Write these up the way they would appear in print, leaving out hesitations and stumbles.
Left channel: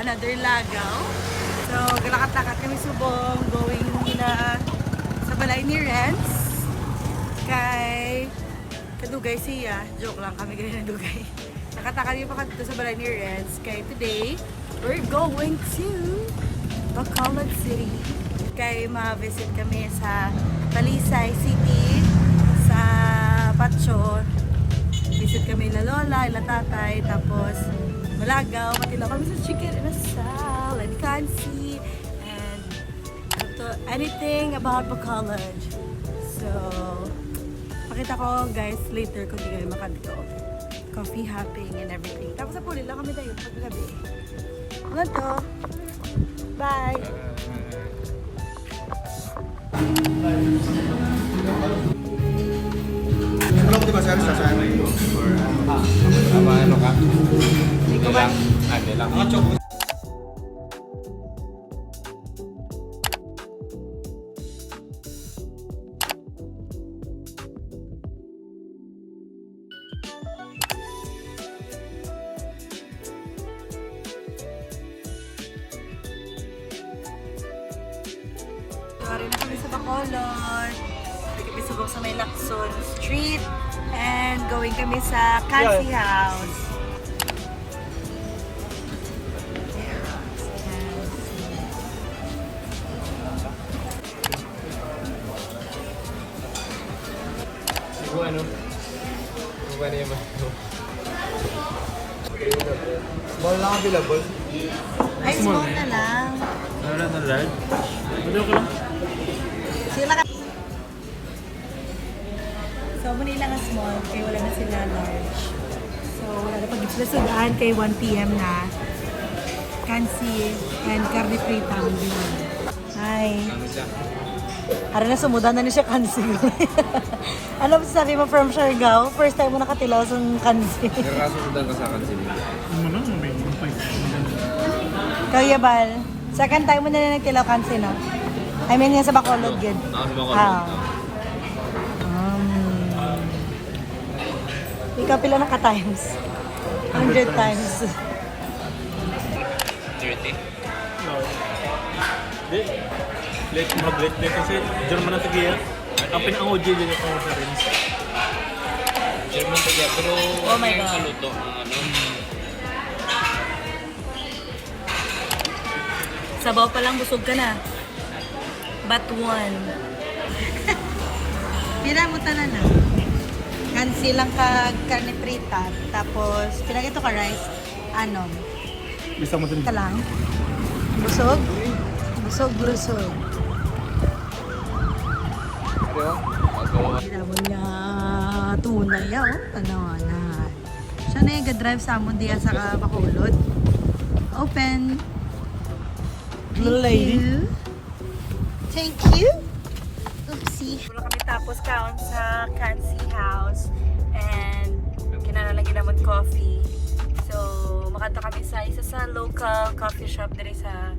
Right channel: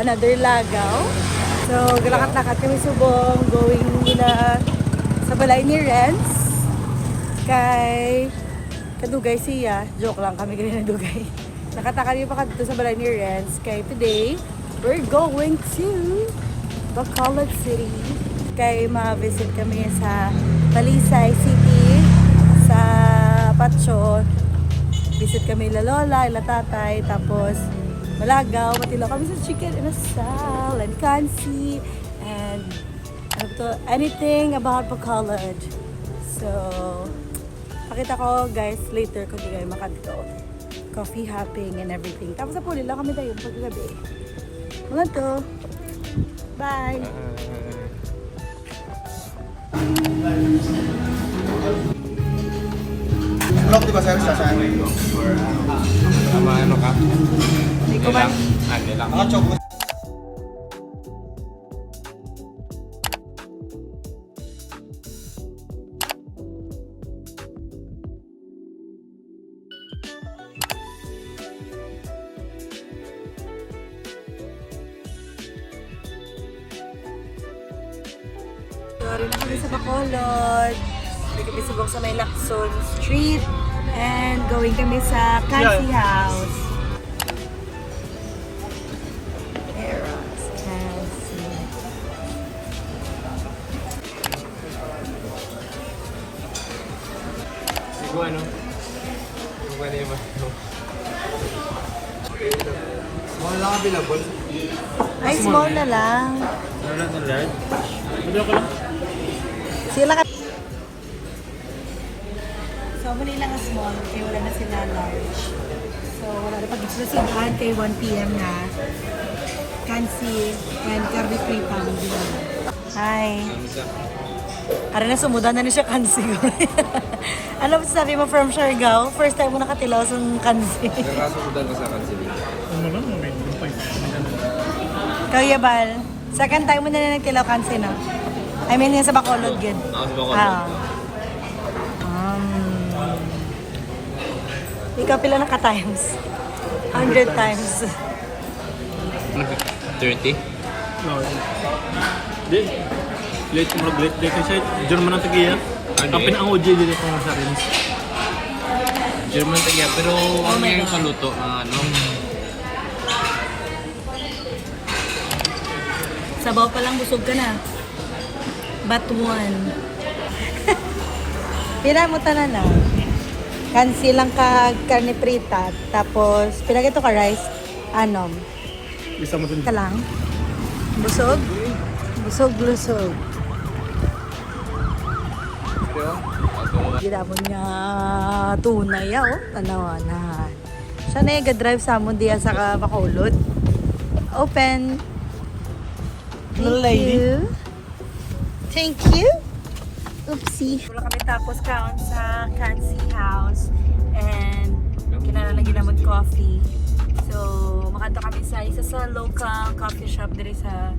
another lagaw. So, galakat-lakat kami subong, going sa balay ni Renz. Kay kadugay siya. Joke lang, kami ganyan na dugay. Nakataka rin pa dito sa balay ni Renz. Kay today, we're going to Bacolod City. Kay ma-visit kami sa Talisay City, sa Pacho. Visit kami ila lola, ila tatay, tapos malagaw, matila kami sa chicken and asal, and kansi, and anything about Bacolod. So, pakita ko guys later kung di kayo makadito. Coffee hopping and everything. Tapos sa puli lang kami tayo paggabi. Ano to? Bye! Vlog di ba sir sa saan? Ikaw ba? Ako choco. Sorry na kami sa Bacolod. May kami subok sa may Lacson Street. And going kami sa Kansi House. Eros Kansi. Bueno. Small lang available. Ay, small na lang. Wala na large. Ano ko lang? Sila ka... So, muli lang na small, kaya wala na sila large. So, wala na pag-islasigaan kay 1 p.m. na. Kansi and curry free pounding. Hi. Ara na sumudan na siya kansi. Ano ba sabi mo from Siargao? First time mo nakatilaw sa kansi. Nakasumudan kasi ang kansi dito. Kaya Bal, second time mo na nagtilaw kansi na. I mean, yan sa Bacolod, good. Ikaw pila naka-times? 100 times. 30? Di. Late mo mag-late kasi siya. Diyan mo nang tagiyan. Kapin ang OJ dito sa mga sarins. German kaya, pero Oh my yung God. kaluto, ano? Sabaw pa lang, busog ka na. But one. Pira mo tanan na. Kansi lang ka karne prita. Tapos, pira ito ka rice. Anom. Isa mo Ka lang. Busog? Busog, lusog. Gila mo niya tunay, oh. Tanawanan. Siya na yung drive sa amon diya sa Bacolod. Open. Little lady. Thank you. Oopsie. Wala kami tapos kaon sa Kansi House and kinanalagyan naman coffee. So, makanto kami sa isa sa local coffee shop diri sa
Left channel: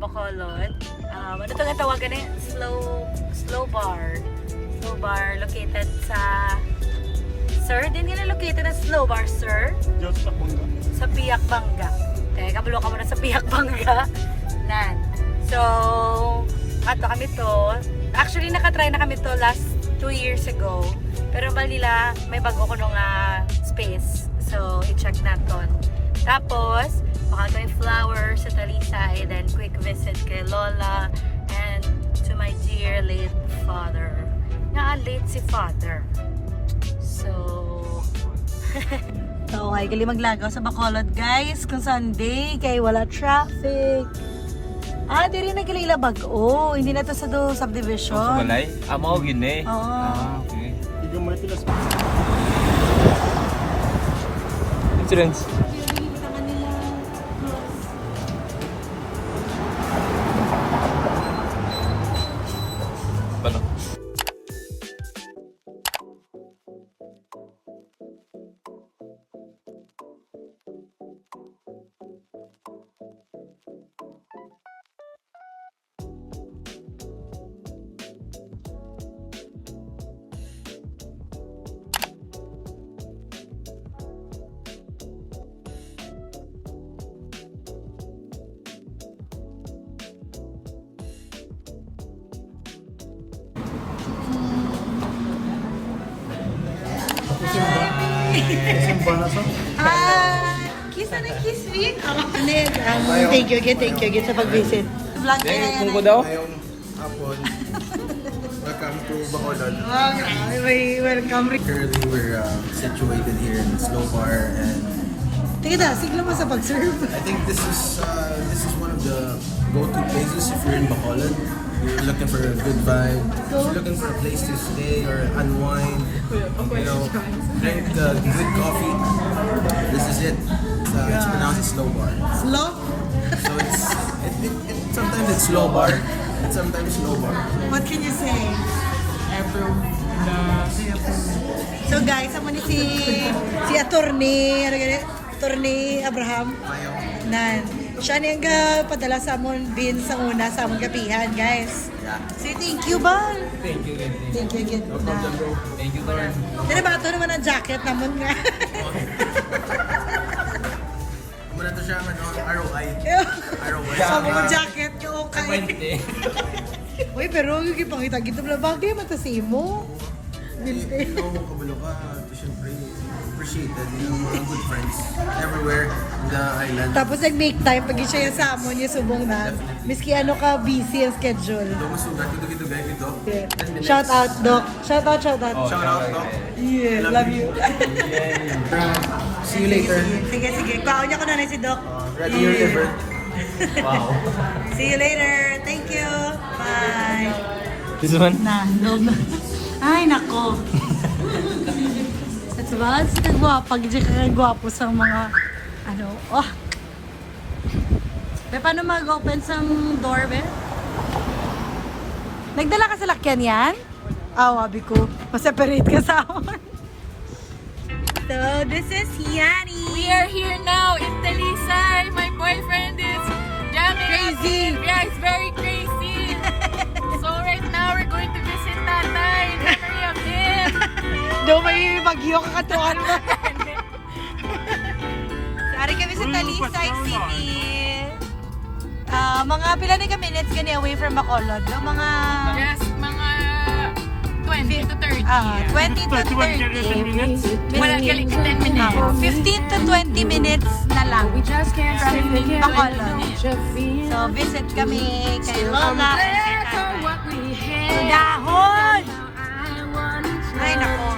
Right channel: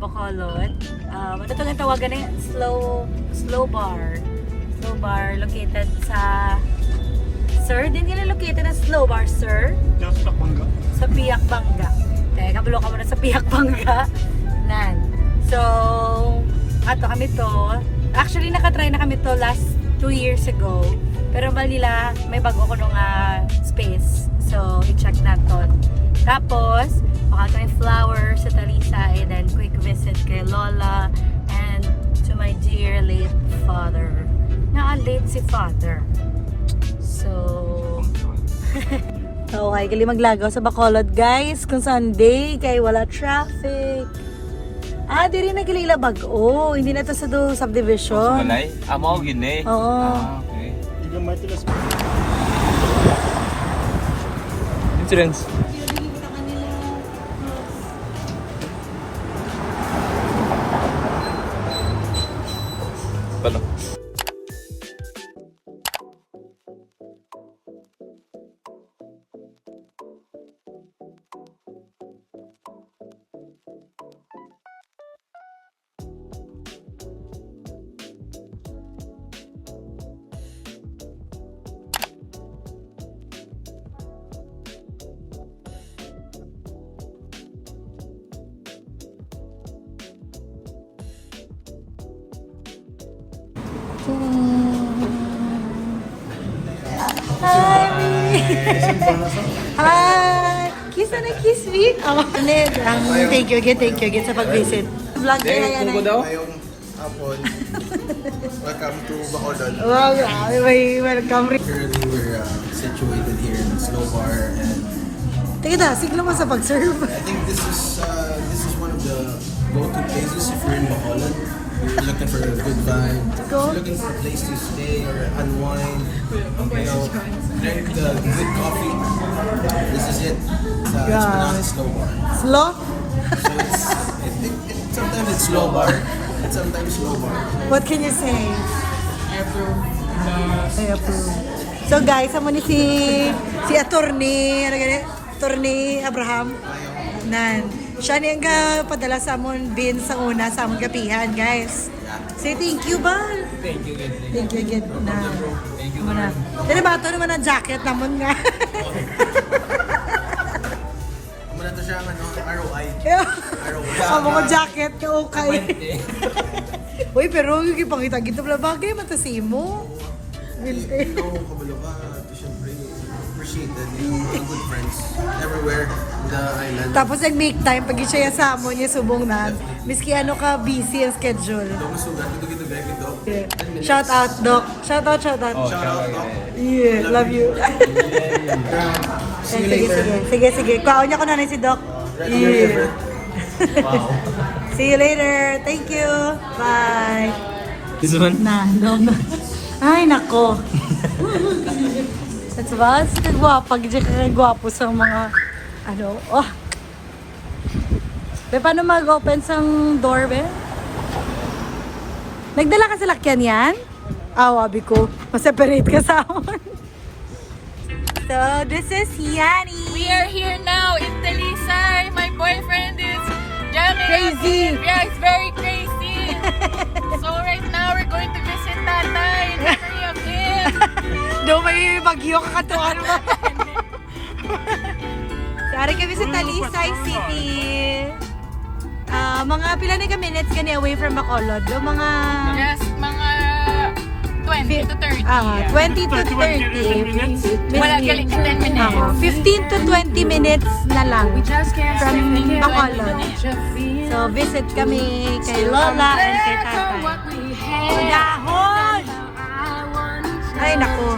Bacolod. Ano ito nga tawagan na slow bar. Slow bar located sa Sir, din nila located na slow bar, sir? Sa Pangga. Sa Piak Bangga. Teka, kabalo ka muna sa Piak Bangga. Nan. So, ato kami to. Actually, nakatry na kami to last 2 years ago. Pero balila, may bago ko nung space. So, i-check natin. Tapos, baka kami flowers sa Talisay. Then, quick visit kay Lola. And to my dear late father. Nga, late si father. So, okay, gali maglagaw sa Bacolod guys. Kung Sunday, kay wala traffic. Di rin nagilila bag-o. Hindi na ito sa subdivision. Malay? Amo, gini. Oo. Okay. Igang may tilas. Students. Paano? Hi! Kiss na kiss me. Thank you again sa pag-visit. Vlog kayo yan. Ngayong hapon. Welcome to Bacolod. Wow, grabe. May welcome rin. Currently, we're situated here in Snow Bar, and Tingnan na, siguro mo sa pag-serve. I think this is one of the go-to places if you're in Bacolod. If you're looking for a good vibe, if you're looking for a place to stay or unwind, you know, drink good coffee. This is it. It's pronounced Slow Bar. Slow? So sometimes it's slow bar, and sometimes slow bar. What can you say? Approve. I approve. So guys, amo ni si attorney, attorney Abraham. Mayo. Na siya din ka padala sa amon bin sa una sa amon gabihan, guys. Yeah. Say thank you, Bal. Thank you, guys. Thank you, Gid. Na. Thank you, Muna. Pero ba ito naman ang jacket naman nga. Muna to siya ano, ROI. ROI. Ang jacket niyo okay. 20. Uy, pero yung ipakita-kita pala, bagay matasi mo. Ikaw, kabalo ka, to syempre, appreciated, you know, mga good friends everywhere in the island. Tapos nag-make time, pag siya sa amon, yung subong na. Definitely. Miski ano ka, busy ang schedule. Ito masugat, ito guys, ito. 10 minutes. Shout out, Doc. Shout out, shout out. Shout out, Doc. Yeah, love you. See you later. Sige. Kwaon niya ko na rin si Doc. Ready your liver. See you later. Thank you. Bye. Tunuhan? Na. Ay, nako. That's ba? Kagwapa. Gigi ka kagwapo sa mga, ano, Be, paano mag-open sang door, be? Nagdala ka sa lakyan yan? Wabi ko. Pa-separate ka sa amon. So, this is Yani. We are here now in Talisay. My boyfriend is jamming crazy. Yeah, it's very crazy. So right now we're going to visit Tatay in memory of him. No, may bagyo ka doon. Sorry kami sa Talisay City. Mga pila na ka minutes kani away from Bacolod. Do mga Just mga 20 to 30. 20 to 30. Wala galing 10 minutes. 15 to 20 minutes na lang We just can't from stay here. Bacolod. So visit kami kay Lola and kay Tatay. Dahon! Ay, nako.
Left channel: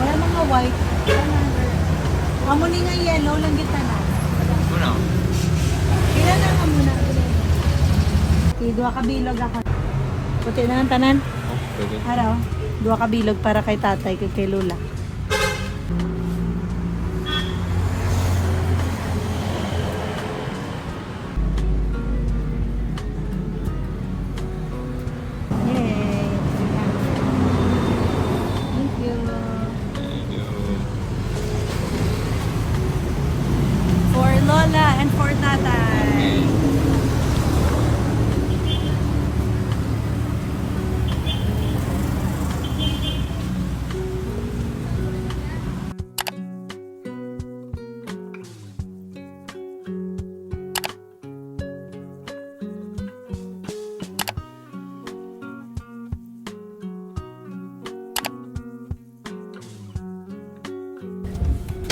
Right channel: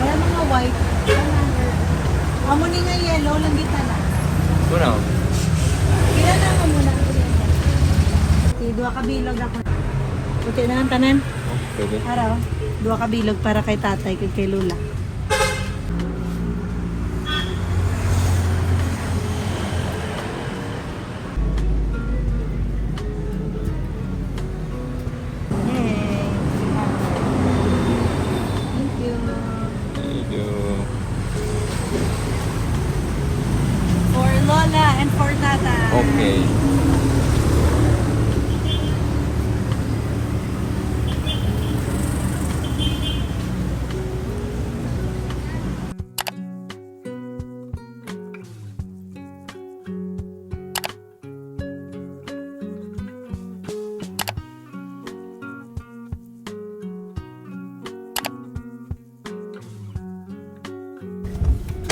Wala mga white. Amo ni nga yellow, lang kita na. Muna. Pila na ka muna. Dua ka bilog ako. Okay na, tanan. Pwede. Araw. Dua ka bilog para kay tatay, kay Lola. For Lola and for tatay. Okay.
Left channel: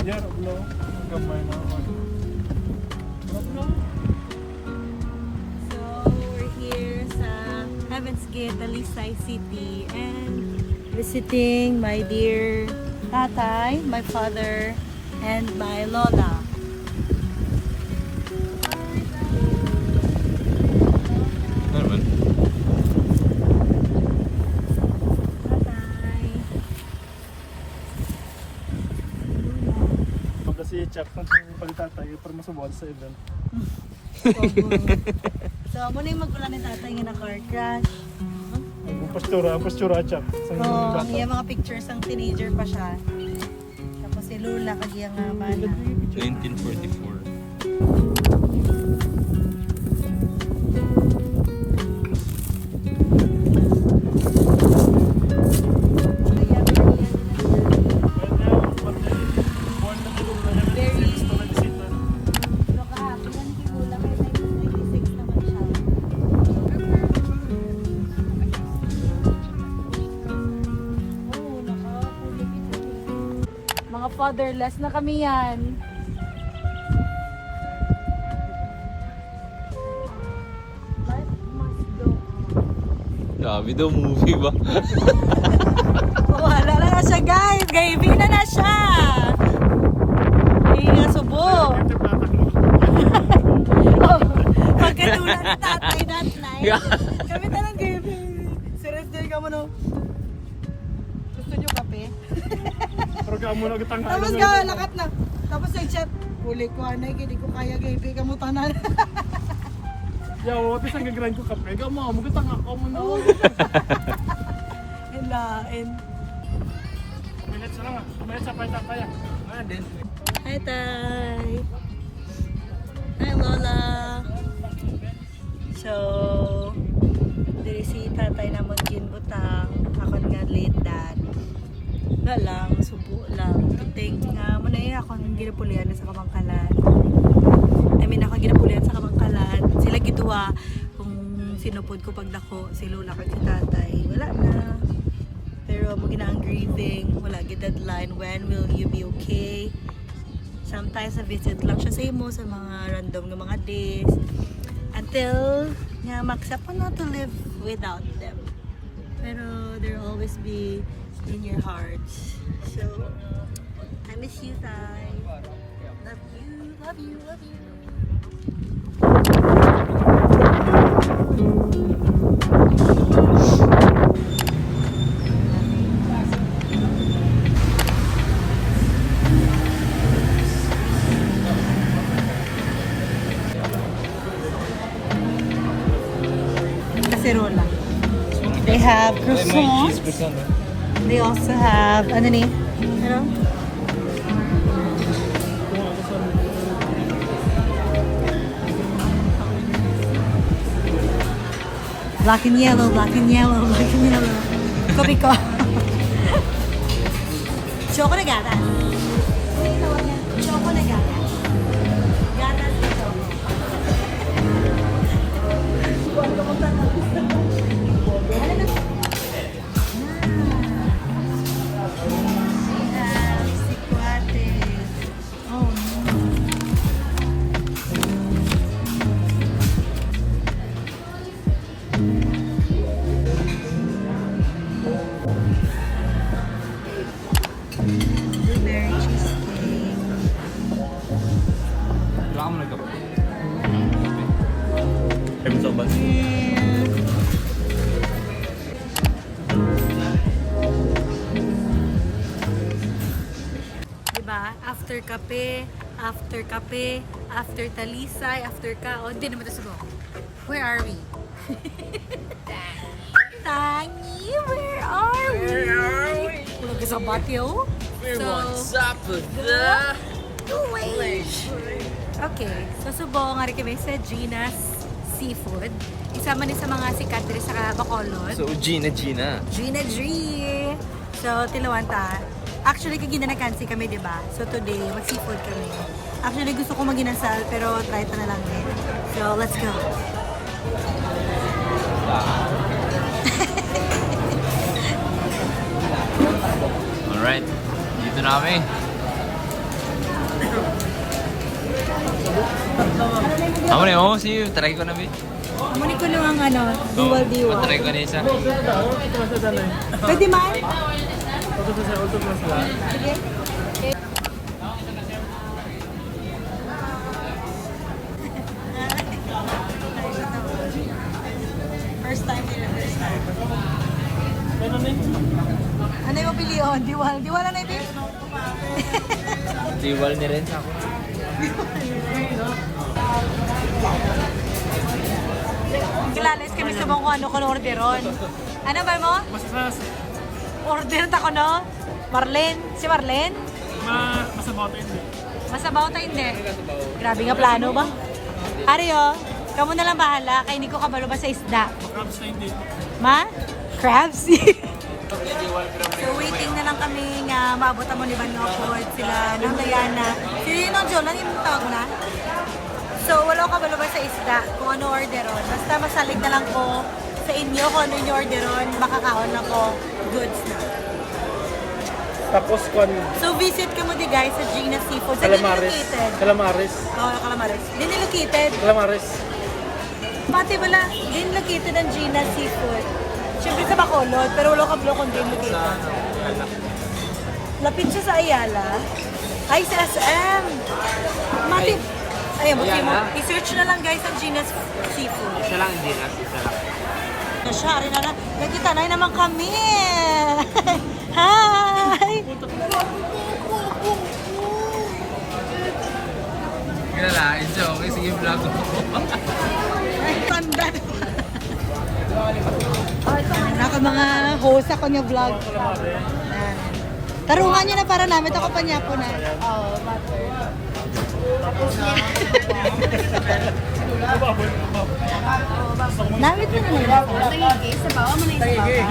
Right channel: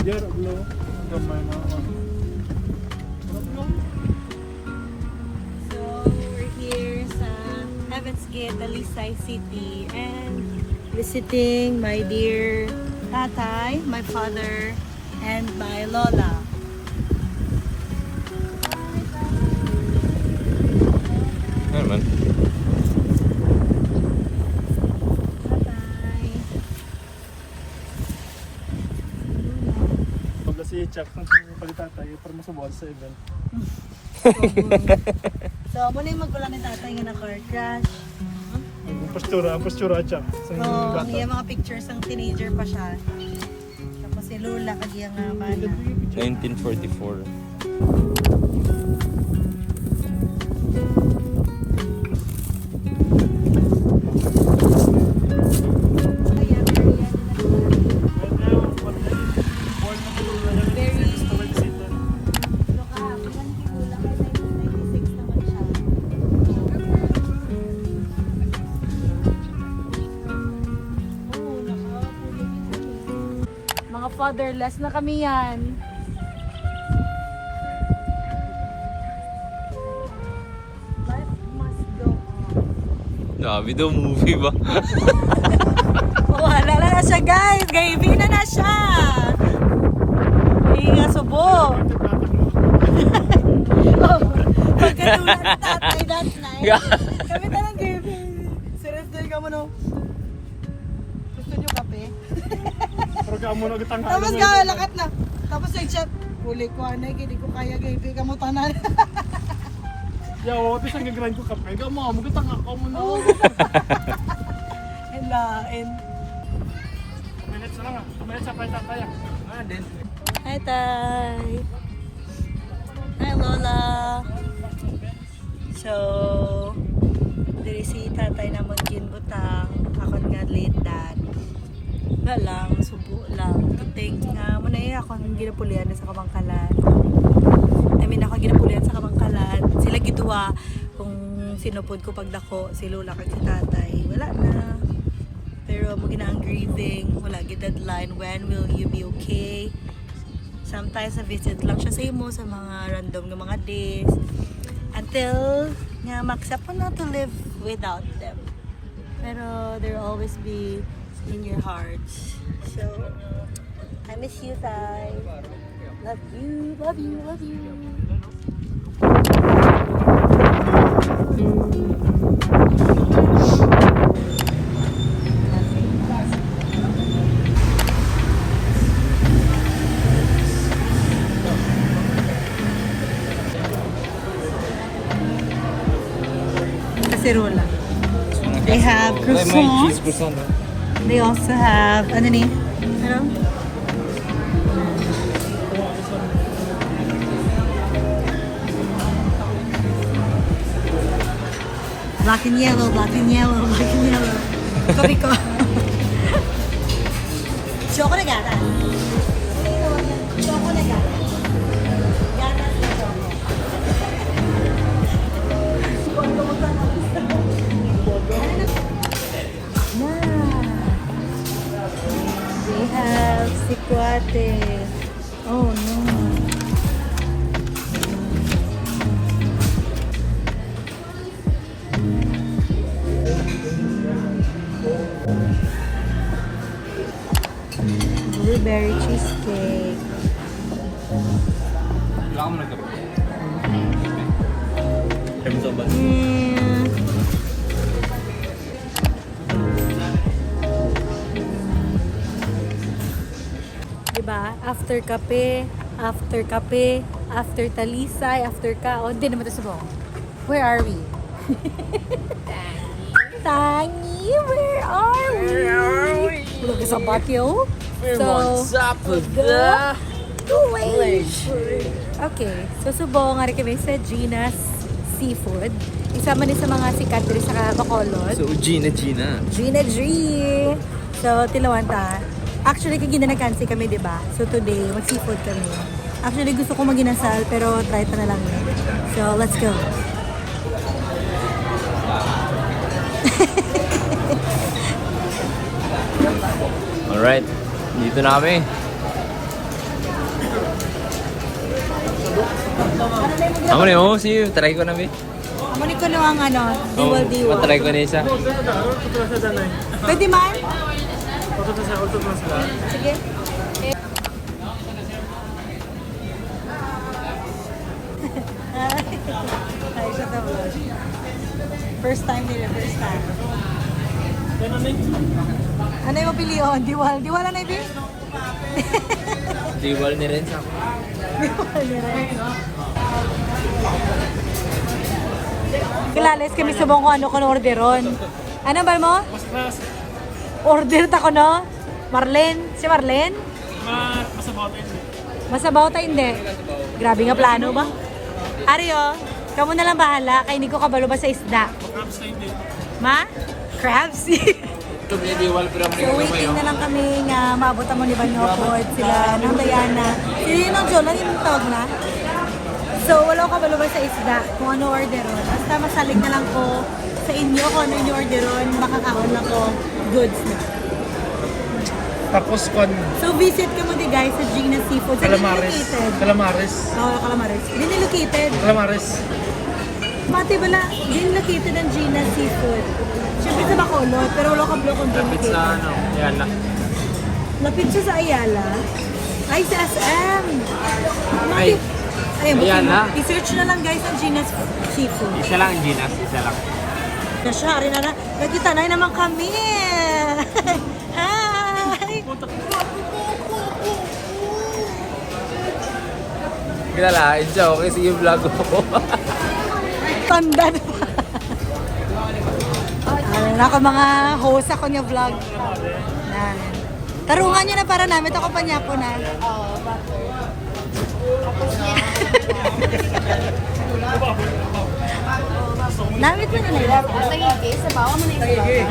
Yeah, hello. So, we're here sa Heaven's Gate, Talisay City, and visiting my dear tatay, my father, and my lola. Ano naman? Tatay. Kasi check kung palitan tayo para masubukan sa event. So, muna yung magulan ni tatay nga na car crash. Ang postura check. So, ang iya mga pictures ng teenager pa siya. Tapos si Lola, kagiyang nga man. 1944. Motherless na kami yan. Life must go on. Grabe daw, movie ba? Wala na siya guys. Gaybi na siya. Iya, subo. Pagkatulan ni tatay that night. Kami talang gaybi. Serious din ka mo no. Gusto niyo kape? Pero ka mo nagtangka. Tapos lakat na. Tapos nag-chat. Huli ko anay, hindi ko kaya gaybi ka mo tanan. Yaw, tapos ang gagawin ko kape. Gama, magtangka ka mo na. Hilain. Minutes na lang ah. Minutes sa pwede tayo. Ah, din. Hi, Tay. Hi, Lola. So, diri si tatay namon ginbutang. Ako nga late dad. Wala lang, subo lang. Tuting, muna ako hindi napulian sa Kamangkalan. I mean, ako ginapulian sa Kamangkalan. Sila gituwa kung sinupod ko pagdako. Si Lola kag si tatay. Wala na. Pero mo ginang grieving. Wala gid deadline. When will you be okay? Sometimes na visit lang siya sa imo sa mga random ng mga days. Until nga ma-accept mo na to live without them. Pero they'll always be in your hearts. So, I miss you, Tay. Love you, love you, love you. Cacerola. They have croissants. They also have, ano ni? Ano? Black and yellow, black and yellow, black and yellow. Kopi ko. Choco na gata. Choco na gata. Gata na choco. They have sikwate. Oh no. Blueberry cheesecake. Wala ka mo nagkape. Ano sa ba? Diba? After kape, after talisay, after kaon, hindi naman ito sabong. Where are we? Tangi, where are we? Pulang ka sa patio. So, okay. So, subong, nga rin kami sa Gina's Seafood. Isama ni sa mga sikat diri sa Bacolod. So, Gina. Gina G. So, tilawan ta. Actually, kaginanakansi kami, di ba? So, today, mag-seafood kami. Actually, gusto ko maginasal, pero try ta na lang yun. So, let's go. Alright, dito na kami. Amo na yun, see you. Try ko na, be. Amunin ko na ang ano. Matry ko na isa. Pwede man? First time nila, first time. Ano yung piliyon? Diwal? Diwal na ibi? Diwal na rin. Diwal na rin. Kilalis kami subong kung ano ko orderon. Ano ba mo? Mas Order ta ko no? Marlene? Si Marlene? masabaw tayo hindi. Masabaw tayo hindi. Grabe nga plano ba? Ario, kamo na lang bahala. Kaya hindi ko kabalo ba sa isda? Makrabs tayo hindi. Ma? Crabs? Ito niya diwal pero So waiting na lang kami nga maabot mo ni Banyopod, sila ng Diana. Si Nong Joel, ano yung tawag mo na? So wala ko kabalo ba sa isda kung ano orderon. Basta masalit na lang ko sa inyo kung ano yung orderon, makakahon lang ko goods na. Tapos kon So visit ka mo di guys sa Gina Seafood. Saan calamares. located? Calamares. Oh, Calamares. Hindi located. Calamares. Pati bala, din located ang Gina Seafood. Siyempre sa Bacolod, pero wala ka block kung din located. Lapit siya sa Ayala. Ay, sa SM. Mati. Ayan, buti mo. I-search na lang guys ang Gina Seafood. Isa lang ang Ginas, isa lang. Kasya, rin na. Nagkita na naman kami. Hi! Kilala, Enjo, okay, sige vlog ko. Tanda na. Ayun na ka mga kusa ko niya vlog. Tarungan niyo na para namin ako pa niya po na. Oo, butter. Tapos niya. Namit mo na. Tagigay, sa bawa mo na yung sa bawa.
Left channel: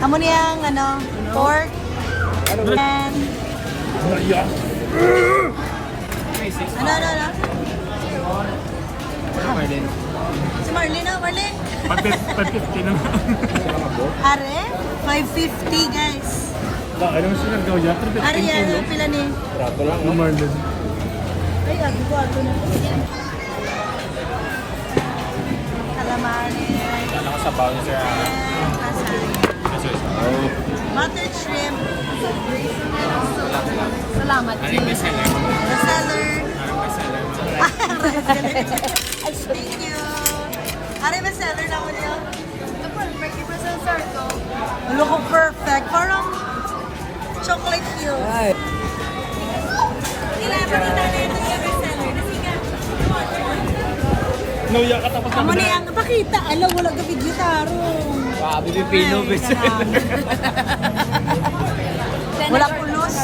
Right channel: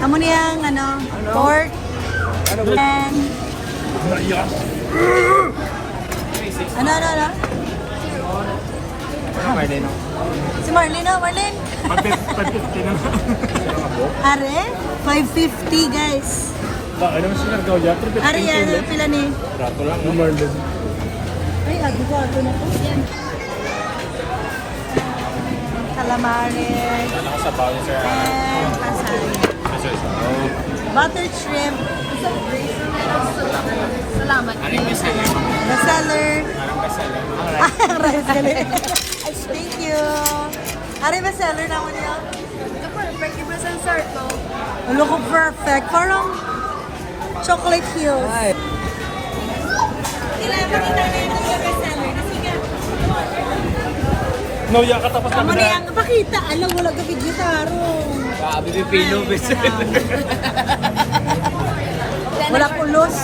Amo niyang pork and ano? Si Marlene, Marlene. 550 na. Are, 550 guys. Alam mo sila gawya, pero Are, yan, pila ni. lumarlog. Ay, gabi ko ato na. Calamares. Nakasabaw niya sa And asari. Buttered shrimp. Ano yung bestseller, ma'am? The seller. Anong bestseller, ma'am? Thank you. Are ba seller naman niya? Perfect. Iba sa sarto. Ano ko perfect. Parang chocolate hills. Kailangan pa kita na yung bestseller. Nasigat. Nauya ka tapos. Amo ni ang pakita. Alam, wala ka gitaro. Pipino, bestseller. Wala kulos.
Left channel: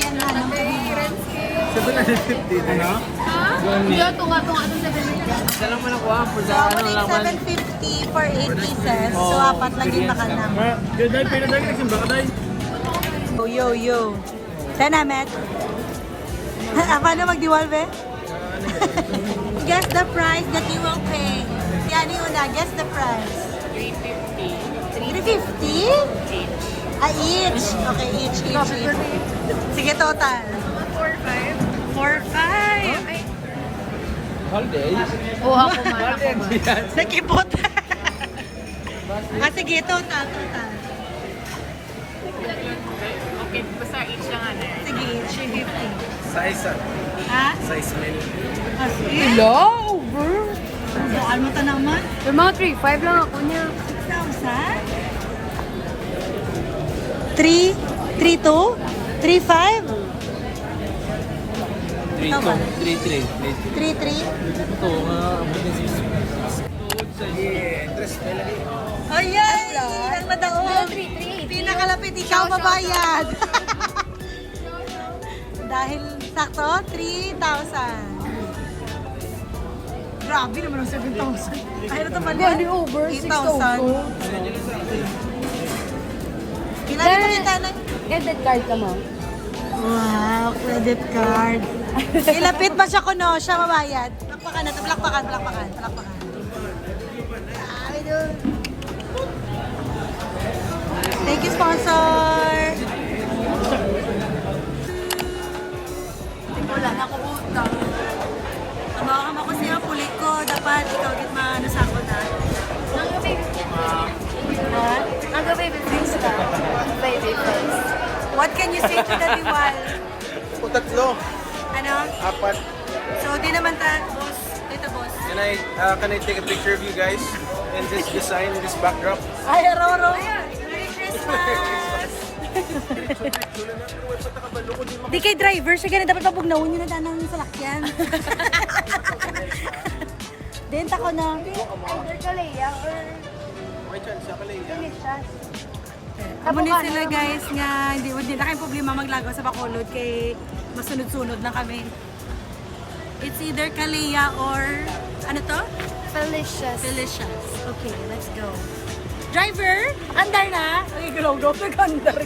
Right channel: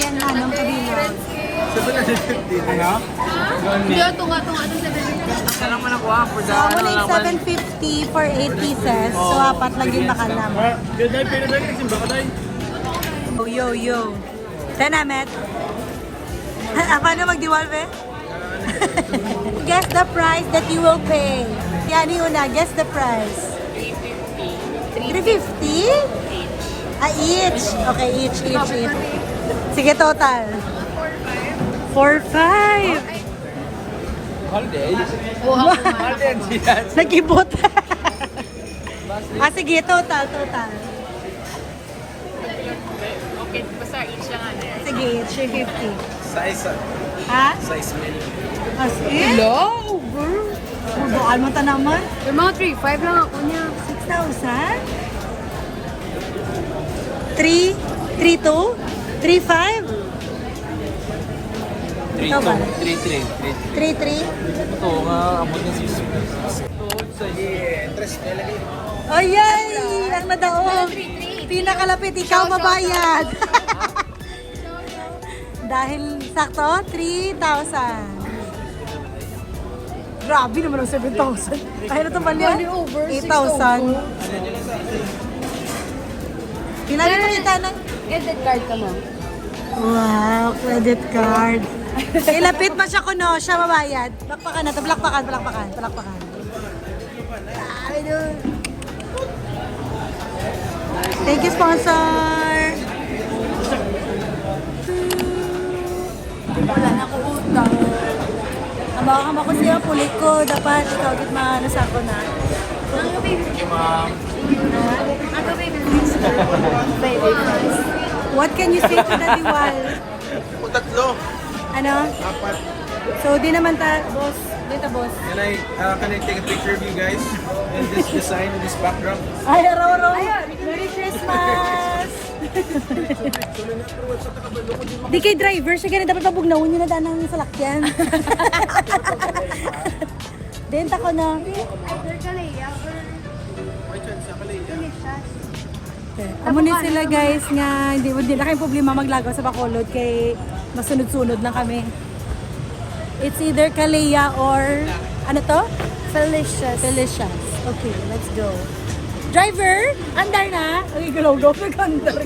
Yan na, ng kabilo. So, amo na yung 750 for 8 pieces. So, apat lang yung bakal naman. Day, pinaday, nagsimba ka day. Yo. Saan namin? Paano magdiwalve? Guess the price that you will pay. Si Ani una, guess the price. 350. 350? Each. Okay, each. Sige, total. 4,500. 4,500. Buha ko nga. Sa kibot. Sige, total. Okay, basta each lang ano. Sige, each 350. Size, Ha? size mil. Hello, bro. Bukal mo ta naman. Yung mga 3,500 lang ako niya. 6,000? 3,2? 3,500? 3-2. 3-3. 3,300? Ito nga, amo na sis. Ayay! Ang madaong! Pinakalapit, ikaw mabayad! Dahil sakto, 3,000. Grabe naman ang 7,000. Ay, na ito ba niya? 8,000. Pinali mo kita ng... Credit card ka mo. Wow, credit card. Ilapit pa siya kuno, siya mabayad. Plakpakan na ito, plakpakan. Grabe dun. Thank you, sponsor. Wala na ko utang. Kabawakam ako siya, pulik ko. Dapat ikaw git maano sa ako na. Ang baby face ka. Baby face. What can you say to the diwal? Tatlo. Ano? So, di naman boss. Dito, boss. Can I take a picture of you guys? And this design, this backdrop? Ay, Roro! Merry Christmas! Di kay driver, siya ganun dapat mabugnawin nyo na danang salakyan. Dinta ko na. Either Kalea or Delicious. Amo ni sila guys nga, hindi na kayong problema maglagaw sa Bacolod kay masunod-sunod lang kami. It's either Kalea or, ano to? Delicious. Okay, let's go. Driver, andar na. Ay, galaw-gaw na gandar.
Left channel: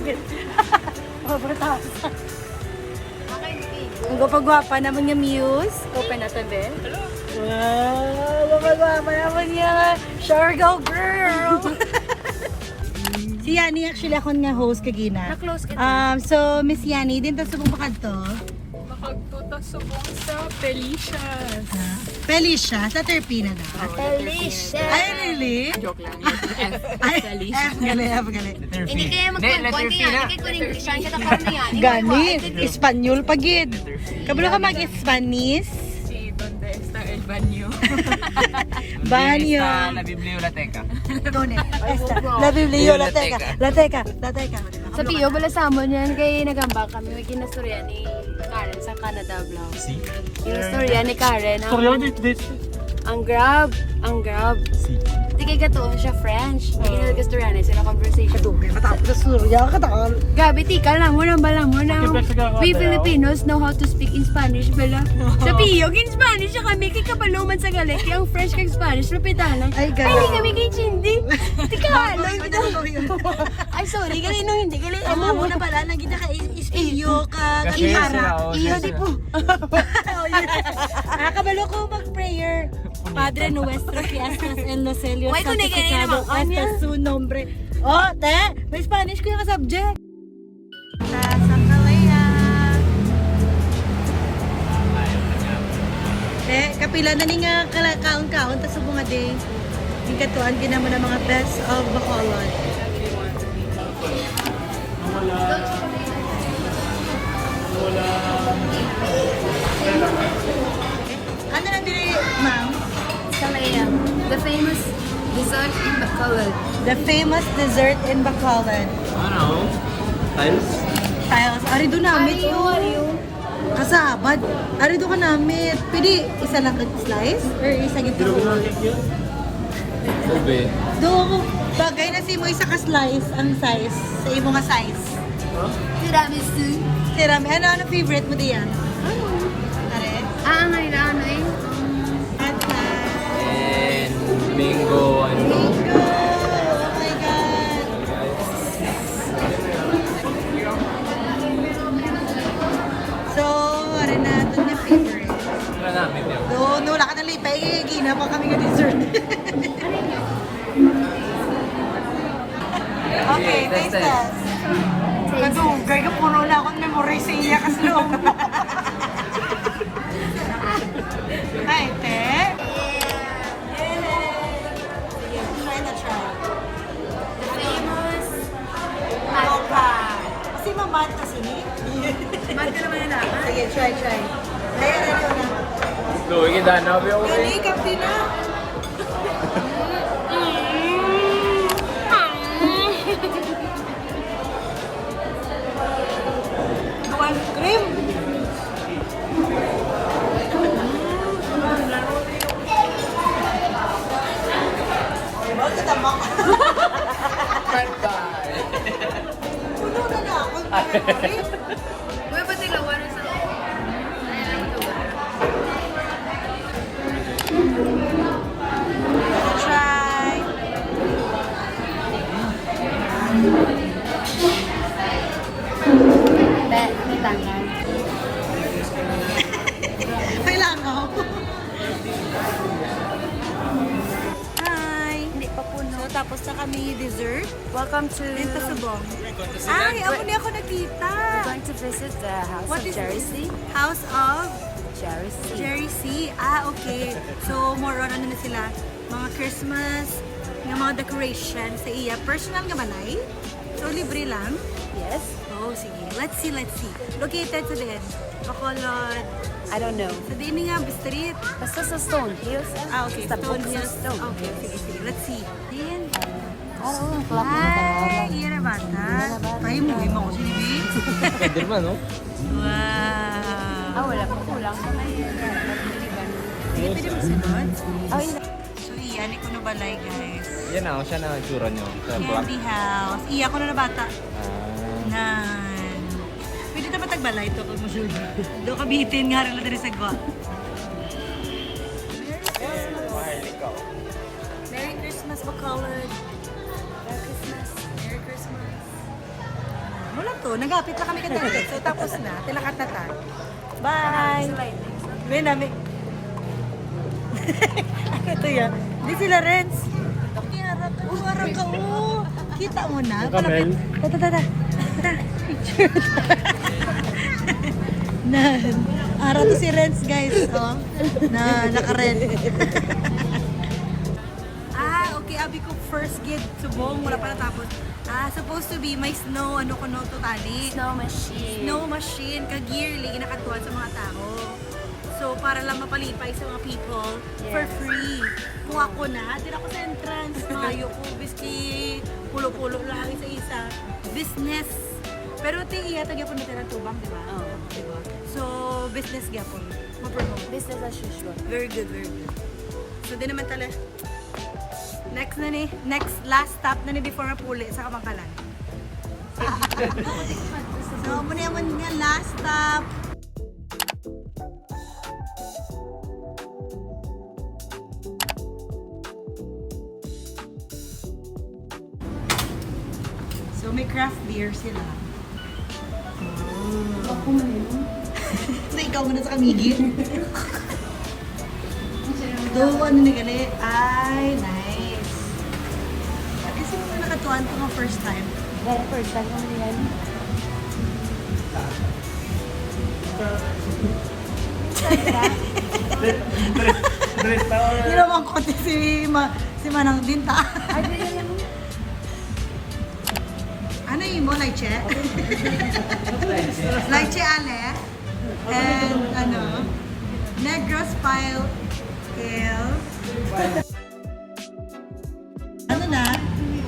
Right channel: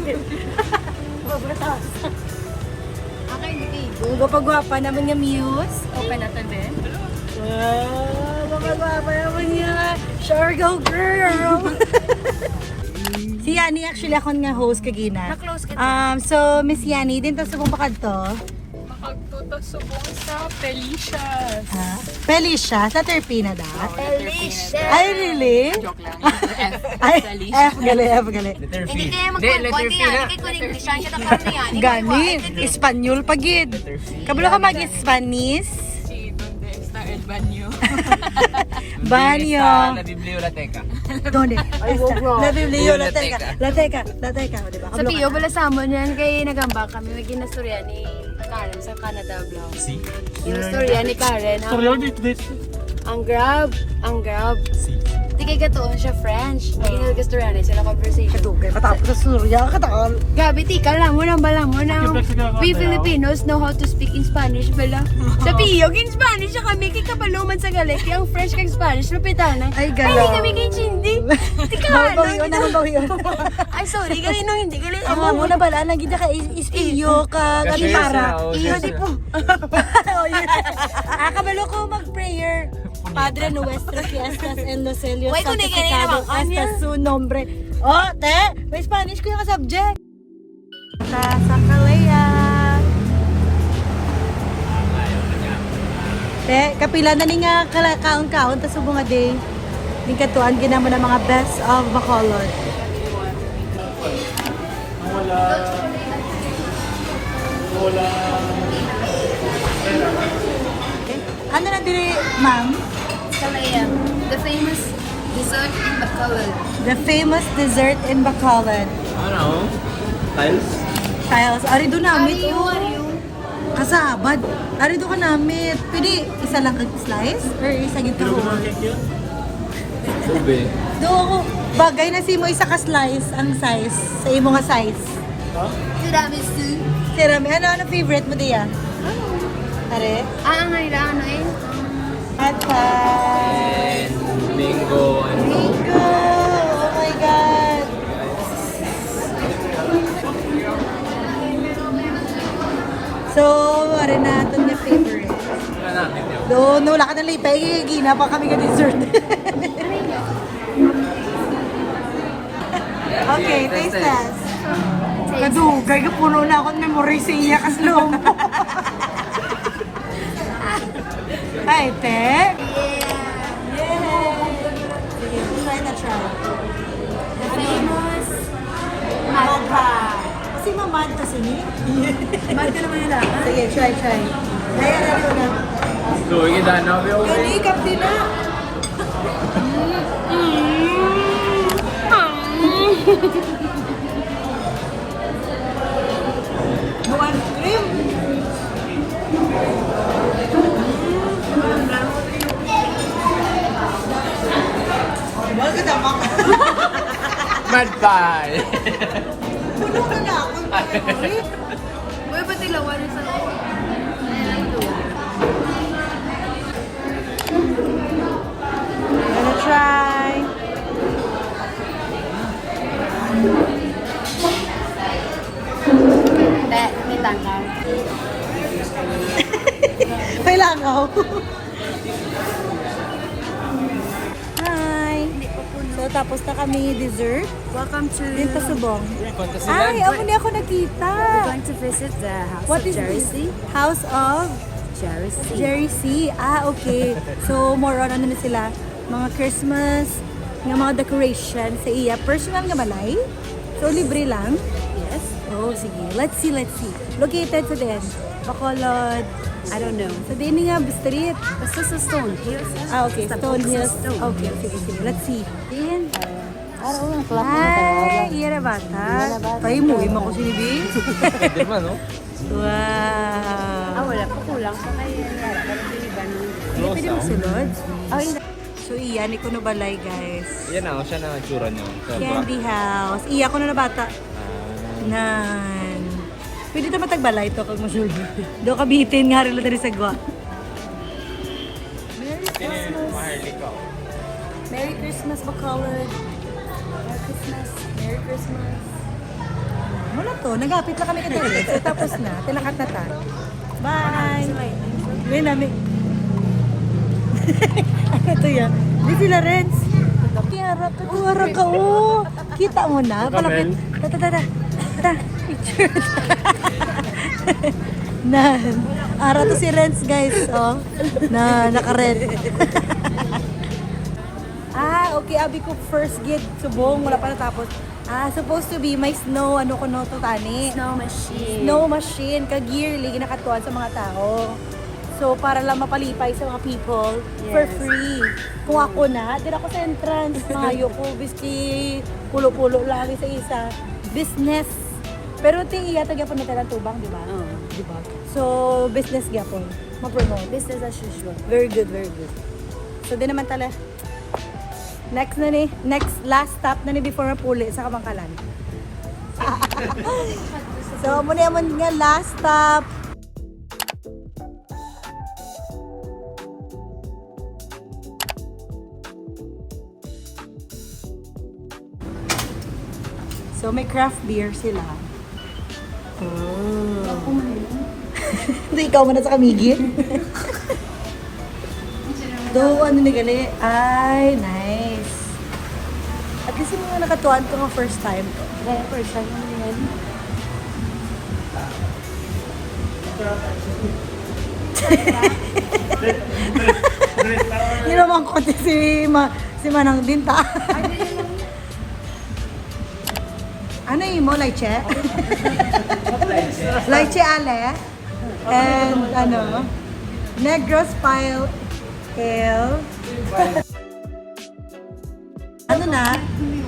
Ang gupagwapa naman nga Muse. Open natin din. mayaman yan. Sure go, girl! Si Yani, actually ako nga host kagina. Na-close ka. So, Miss Yani, din to sa bupakad to. Makagtuto subong sa Felicia's. Felicia, sa Terpina daw. Felicia. Ay, really? Joke lang. Ay, Felicia. F, gali, F, gali. Letter P. Hindi, letter P na. Gani, Espanyol pagid. Letter P. Kabalo ka mag-Spanish? Si Donde está el baño. Banyo. Sa La Biblioteca. Donde? La Biblioteca. Biblioteca. Lateca, di ba? Kabalo Sabi ka yung na. pala sa amin yan, kay nagamba kami, may ginastorya ni Karen sa Canada vlog. Ginastorya ni Karen, ang grab. Di kay gatoon siya French. May ginastorya na sila conversation. Matapos sa Surya, katakal. Gabi, tika lang mo na. We Filipinos know how to speak in Spanish, bala. Sa piyog, in Spanish siya kami, kay kabaluman sa galit, kay ang French kay Spanish, lapitan na. Ay, Ay, gano'n. hindi kami kay Chindi. Tika Bawi yun, bawi yun. Ay, sorry, kanino hindi ka Ang nga muna pala, nagkita ka is-iyo ka, kati para. Iyo, di po. Kabalo ko mag-prayer. Padre nuestro que estás en los cielos. Why ko na ganyan naman? Hasta su nombre. Oh, te, may Spanish ko yung subject. Sa Sakalaya. Te, kapila na niya kaon-kaon ta subong day. Yung katuan ginamo na mga best of Bacolod. Ano na dili, ma'am? Kalaya, the famous dessert in Bacolod. The famous dessert in Bacolod. Ano? Tiles? Tiles. Ari do namit. Kasabad. Ari do ka namit. Pwede isa lang ang slice? Or isa gito? Ube. Do, bagay na si mo isa ka slice. Ang size. Sa imo nga size. Tiramisu. Tirami. Ano favorite mo diyan? Are? Ang kailangan na yun. Atay. And mango, ano? Oh my God. So, are na ito niya favorite. Wala namin yun. Do, wala ka na lipay, gina pa kami ng dessert. Okay, taste test. Kadugay ka puno na akong memory sa iya kaslong mo. Ay, te. Yeah. Try na try. Famous Mocha. Kasi mamad kasi ni. Mahal ka naman nila. Sige, try. Kaya na. So, kita na. Hindi, kapti na. Duan cream. Huwag ka damang. Mad pie! Puno ka na akong memory. Uy, pati lawan sa loob. Gonna try. May langaw. Hi! So, tapos na kami dessert. Welcome to... Dito subong. Ay, amo niya ako nakita. to visit the house What is this? House of Jerry C. Ah, okay. So, more on ano na sila? Mga Christmas, nga mga decoration sa iya. Personal nga balay? So, libre lang? Yes. Oh, sige. Let's see. Located sa din? Bacolod. I don't know. Sa din nga, street. Basta sa Stone Hills. Ah, okay. Sa Stone Hills. Stone. Okay, sige. Let's see. Ayan. Araw na club Ay, iya na bata. Pay mo, mo ko si Bibi. Wow. wala pa kulang pa man yun. Hindi pwede magsulod. Oh, yun. So, iyan ko na balay, guys. Yan ako, siya na tsura niyo. Candy house. Iya ko na bata. Nan. Pwede ito matagbalay ito kung masulod. Do ka bitin nga rin lang sa gwa. Merry Christmas. Merry Christmas, Bacolod. Merry Christmas. Merry Christmas. Wala to. Nagapit lang kami kadali. So, tapos na. Tilakat na ta. Bye. May namin. Ano to yan? Di sila Renz. Kiara ka, oh. Kita mo na. Palapit. Na, ara to si Renz, guys. Oh, na naka-red. Okay, abi ko first gate subong, wala pa natapos. Supposed to be may snow, ano ko no to tani? Snow machine. Snow machine, ka-gearly, ginakatuan sa mga tao. So, para lang mapalipay sa mga people for free. Kung ako na, din ako sa entrance, mayo ko, biski, pulo-pulo lang isa-isa. Business. Pero ti iya tagya po na tala tubang, di ba? Oo. Di ba? So, business gyapon. Ma-promote. Business as usual. Very good, very good. So, di naman tala. Next na ni, last stop na ni before mapuli sa Kamangkalan. So, muna nga last stop. So, may craft beer sila. Oh. Hindi, ikaw muna sa kamigi. Do, ano ni gali? Ay, nice. At least yung mga nakatuan ko nga first time. Well, first time naman yan. Yun naman ko si Manang Dinta. Ano yun mo, Laiche? Laiche Ale. And ano, Negros Pile Ale. Ano na?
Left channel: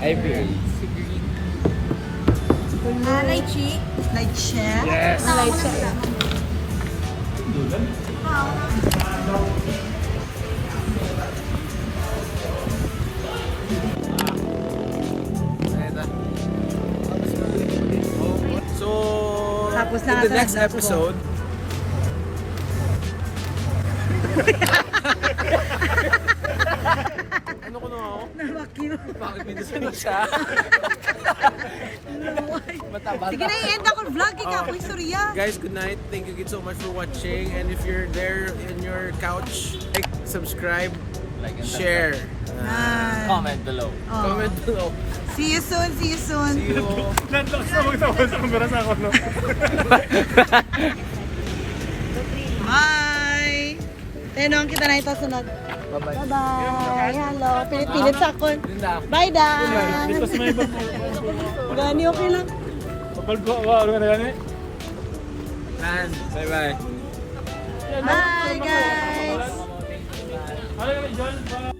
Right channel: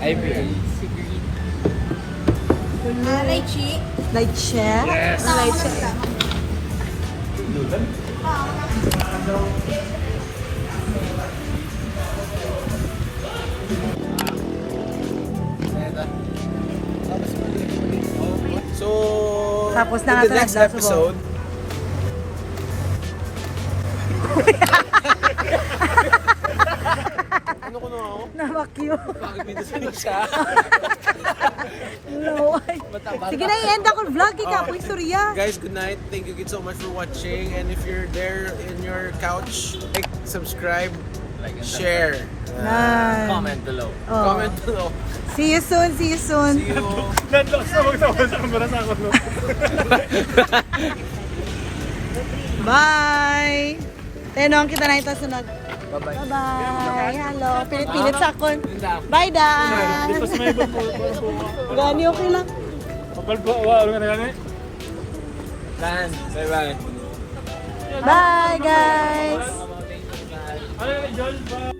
IPL. Laiche. Laiche. Yes. Laiche. So, Tapos na in nga the sa next Negros episode, ano ko na ako? Namakyo. Bakit may gusto siya? No. Sige na, i-end ako vlog. Ikaw po istorya. Guys, good night. Thank you so much for watching. And if you're there in your couch, like, subscribe, share, Comment below. comment below. See you soon, see you soon. Landlock sa magtawal sa kamera sa ako. Bye! Tenong kita na ito sunod. Bye-bye. Hello. Pilipilit sa akon. Bye, Dan. Dito sa may ibang Gani, okay lang. Kapal po, wow, ano gani? Lan, bye-bye. Bye, guys. Ano yung John?